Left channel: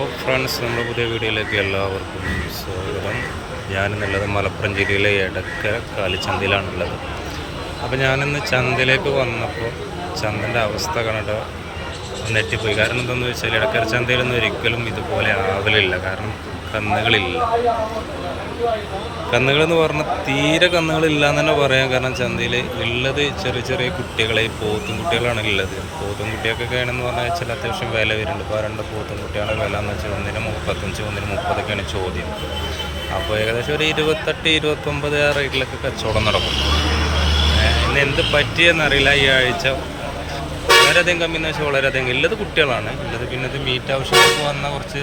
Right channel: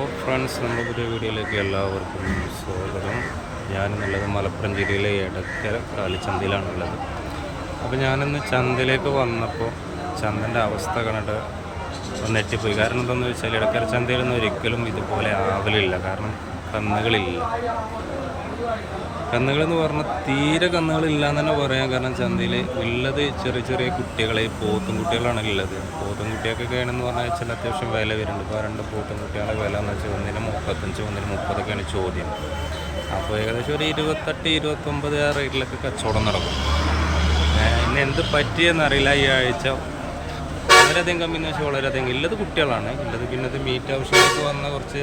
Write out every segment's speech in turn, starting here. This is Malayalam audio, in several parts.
ഫ്രണ്ട്സ്, നമ്മുടെ പുതിയ വീഡിയോയിലേക്ക് എല്ലാവർക്കും സ്വാഗതം. ഞാനെന്നുള്ളത് മലപ്പുറം ജില്ലയിലെ എടക്കര കാലിച്ചന്തയിലാണുള്ളത്. അപ്പോൾ ഞാനിന്ന് ചന്തയിലേക്ക് വന്നപ്പോൾ ചന്തൻ്റെ അവസ്ഥ കണ്ടിട്ട് നെറ്റിപ്പോയി. കാരണം എന്താണെന്ന് വെച്ചാൽ എടക്കര ചന്തയിലൊന്നും ഒരിക്കലും ഇതുപോലെ ആവലില്ല. കാരണം കന്നുകളില്ല. കന്നുകളെന്ന് പറഞ്ഞാൽ തീരെ കന്നുകളില്ല എന്ന് തന്നെ പറയാം. കാരണം ചന്തയിൽ ഉള്ളത് ചെറിയ ചെറിയ കുട്ടികളെ, പോത്തും കുട്ടികളാണ് ഉള്ളത്. പോത്തും കുട്ടിയൊക്കെ ആണെന്ന് പറഞ്ഞാൽ വെച്ചാൽ അത്യാവശ്യം വില വരുന്നുണ്ട്. ഇപ്പോൾ രണ്ട് പോത്തും കുട്ടികളെ വില എന്ന് വെച്ചാൽ ഒന്നിന് 35, ഒന്നിന് 30ഒക്കെയാണ് ചോദ്യം. അപ്പോൾ ഏകദേശം ഒരു 28-29 ആ റേറ്റിലൊക്കെ കച്ചവടം നടക്കും. ഇന്ന് എന്ത് പറ്റിയെന്നറിയില്ല. ഈ ആഴ്ച വളരെയധികം കമ്മി എന്ന് വെച്ചാൽ വളരെയധികം ഉള്ളത് കുട്ടികളാണ് ഉള്ളത്. പിന്നെ ഇത് മീറ്റ് ആവശ്യങ്ങൾക്ക് വന്ന കുറച്ച്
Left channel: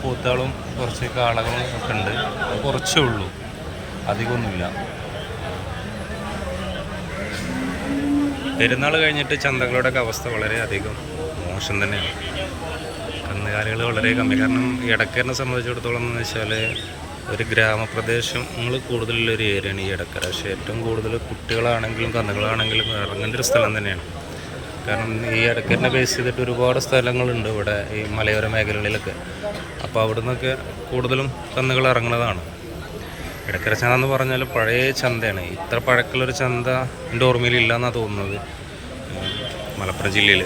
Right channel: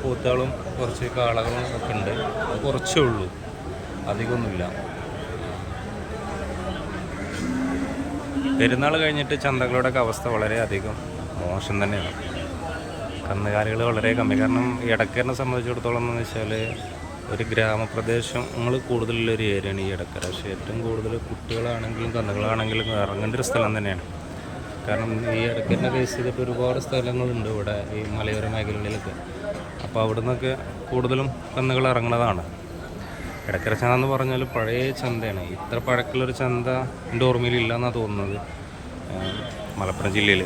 പോത്തുകളും കുറച്ച് കാളകളും ഒക്കെ ഉണ്ട്. അത് കുറച്ചേ ഉള്ളൂ, അധികമൊന്നുമില്ല. പെരുന്നാൾ കഴിഞ്ഞിട്ട് ചന്തകളുടെയൊക്കെ അവസ്ഥ വളരെയധികം മോശം തന്നെയാണ്. കന്നുകാലികൾ വളരെ കമ്മി. കാരണം എടക്കരനെ സംബന്ധിച്ചിടത്തോളം എന്ന് വെച്ചാൽ ഒരു ഗ്രാമപ്രദേശങ്ങൾ കൂടുതലുള്ളൊരു ഏരിയയാണ് ഈ എടക്കര. പക്ഷേ ഏറ്റവും കൂടുതൽ കുട്ടികളാണെങ്കിലും കന്നുകളാണെങ്കിലും ഇറങ്ങേണ്ട ഒരു സ്ഥലം തന്നെയാണ്. കാരണം ഈ എടക്കരനെ ബേസ് ചെയ്തിട്ട് ഒരുപാട് സ്ഥലങ്ങളുണ്ട് ഇവിടെ ഈ മലയോര മേഖലകളിലൊക്കെ. അപ്പോൾ അവിടെ നിന്നൊക്കെ കൂടുതലും കന്നുകൾ ഇറങ്ങുന്നതാണ്. എടക്കര ചന്ത എന്ന് പറഞ്ഞാൽ പഴയ ചന്തയാണ്. ഇത്ര പഴക്കമുള്ളൊരു ചന്ത എൻ്റെ ഓർമ്മയിലില്ല എന്നാണ് തോന്നുന്നത് മലപ്പുറം ജില്ലയിൽ.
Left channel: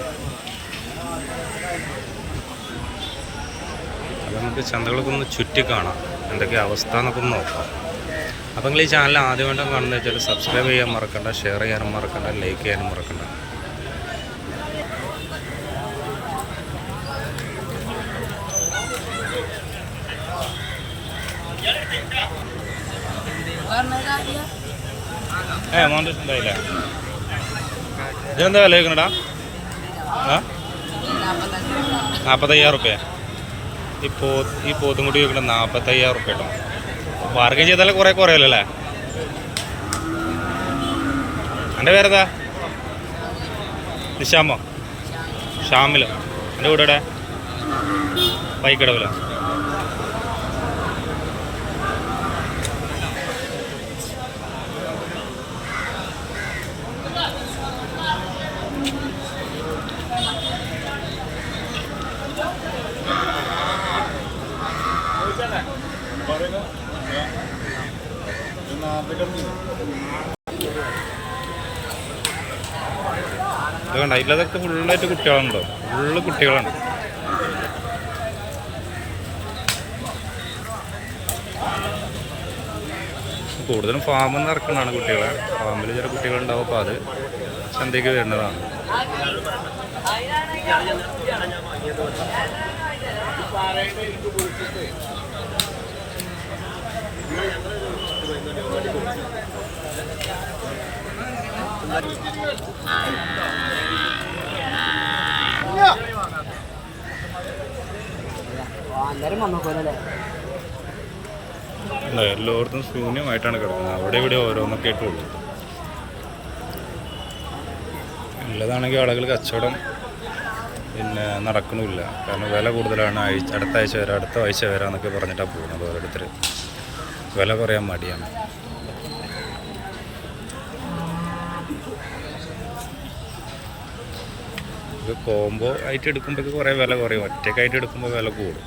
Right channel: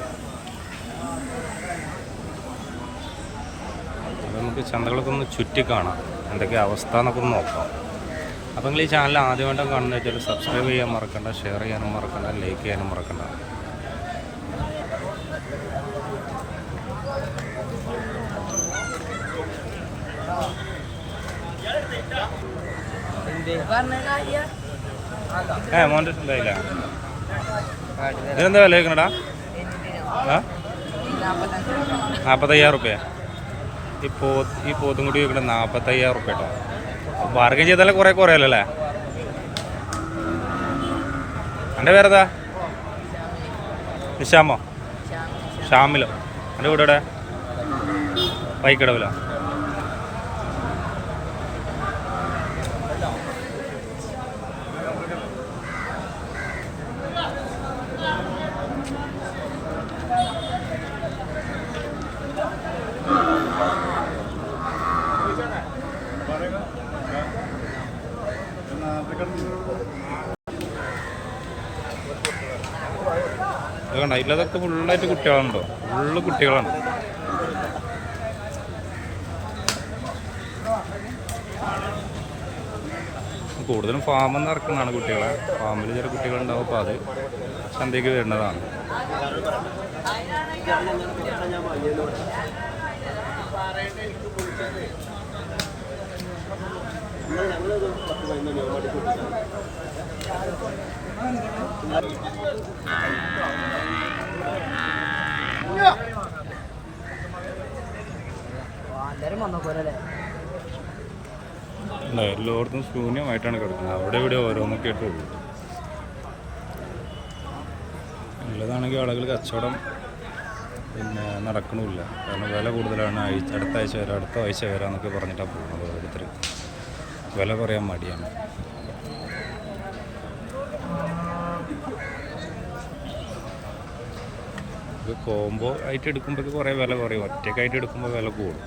അപ്പോൾ നമുക്ക് ചന്തകളൊക്കെ ഒന്ന് ചുറ്റി കാണാം, എന്തൊക്കെ അവസ്ഥ എന്നൊക്കെ ഒന്ന് നോക്കാം. അപ്പോൾ നിങ്ങൾ ഈ ചാനൽ ആദ്യമായിട്ടും കാണുന്നത് വെച്ചാൽ സബ്സ്ക്രൈബ് ചെയ്യാൻ മറക്കണ്ട, ഷെയർ ചെയ്യാനും മറക്കണ്ട, ലൈക്ക് ചെയ്യാനും മറക്കണ്ട. മോൻ്റെ ഉണ്ടായില്ല. ഇതിനെന്താ വില വയ്ക്കണടാ? 45,000 റുപ്യ. ഈ പോത്തും കൂടി വയ്ക്കണ 45,000 റുപ്യ കേട്ടോ. ബാർഗൻ ചെയ്താലേ കുറേ കുറയല്ലോ അല്ലേ? എൻ്റെ പേരെന്താ? നിശാമോ? ഷാമിലോ? എൻ്റെ വീട് ഇവിടെ പൈക്കടവിലോ? ഇത് കണ്ട, ഇല്ലതൊക്കെ ഫുള്ളായിട്ട് കുട്ടികളുണ്ടോ? ഫുള്ള് കുട്ടികളാണ്. കൂടുതലും ഫാമിൽ നിന്ന് ഇറക്കുന്നതാണ് കുട്ടികളെ. ഫാമിൽ ചില കുട്ടികളുണ്ടാവും. അപ്പോൾ അത് ചന്തയ്ക്ക് വരുന്നതാണ്. എല്ലായിടത്തും ശൂന്യമായിട്ടാണ് കിടക്കുന്നത്. അവിടെ ഇവിടെ ഓരോന്നൊക്കെ ആയിട്ടുള്ളൂ. ഉള്ളതാണെങ്കിൽ ആളുകൾ കച്ചവടം പിന്നെ നടക്കണമില്ല. കാരണം വില കൂടുതലാണ്. അടുത്ത ആഴ്ച വരാം, അടുത്ത ആഴ്ച വരാമെന്നൊക്കെ പറഞ്ഞിട്ടാണ് പോകുന്നത്. ഓരോരുത്തർ വില പറയാൻ മടിയാണ്. ഇത് കോംബോ ആയിട്ട് എടുക്കുമ്പോൾ കുറേ വില കുറയും. ഒറ്റക്കായിട്ട് എടുക്കുമ്പോൾ വില കൂടും.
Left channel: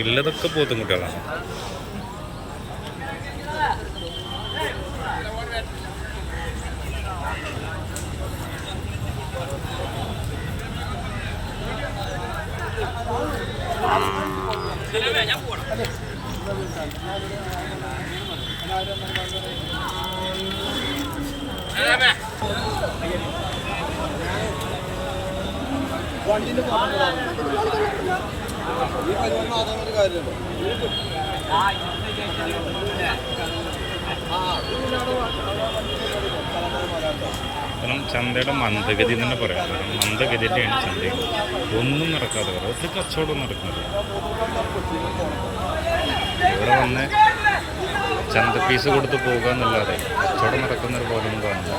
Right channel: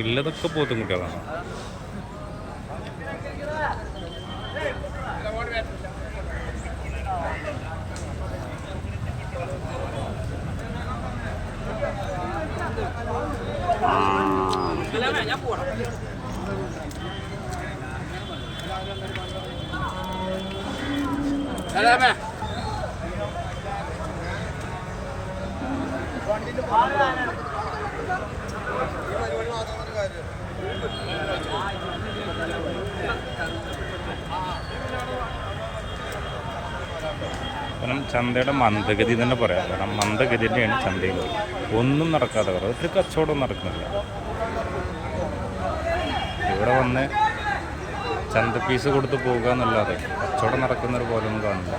ഉള്ളതൊക്കെ പോത്തും കുട്ടികളാണ്. കാരണം ചന്തയുടെ മന്ദഗതി തന്നെ പറയാം. കാരണം മന്ദഗതി തന്നെയാണ് ചന്തയിൽ. ഒന്നും നടക്കാതെ പറയാം. ഒരു കച്ചവടം നടക്കുന്നില്ല. ഇവിടെ വന്ന് ചന്ത പീസ് കൊടുത്ത് പോകുക എന്നല്ലാതെ കച്ചവടം നടക്കുന്നൊരു പോലൊന്നും കാണില്ല.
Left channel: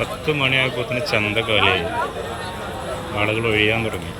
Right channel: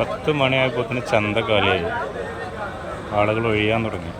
10 മണിയായപ്പോൾ തന്നെ ചന്ത കാലിയായി, ആളുകൾ ഒഴിയാൻ തുടങ്ങി.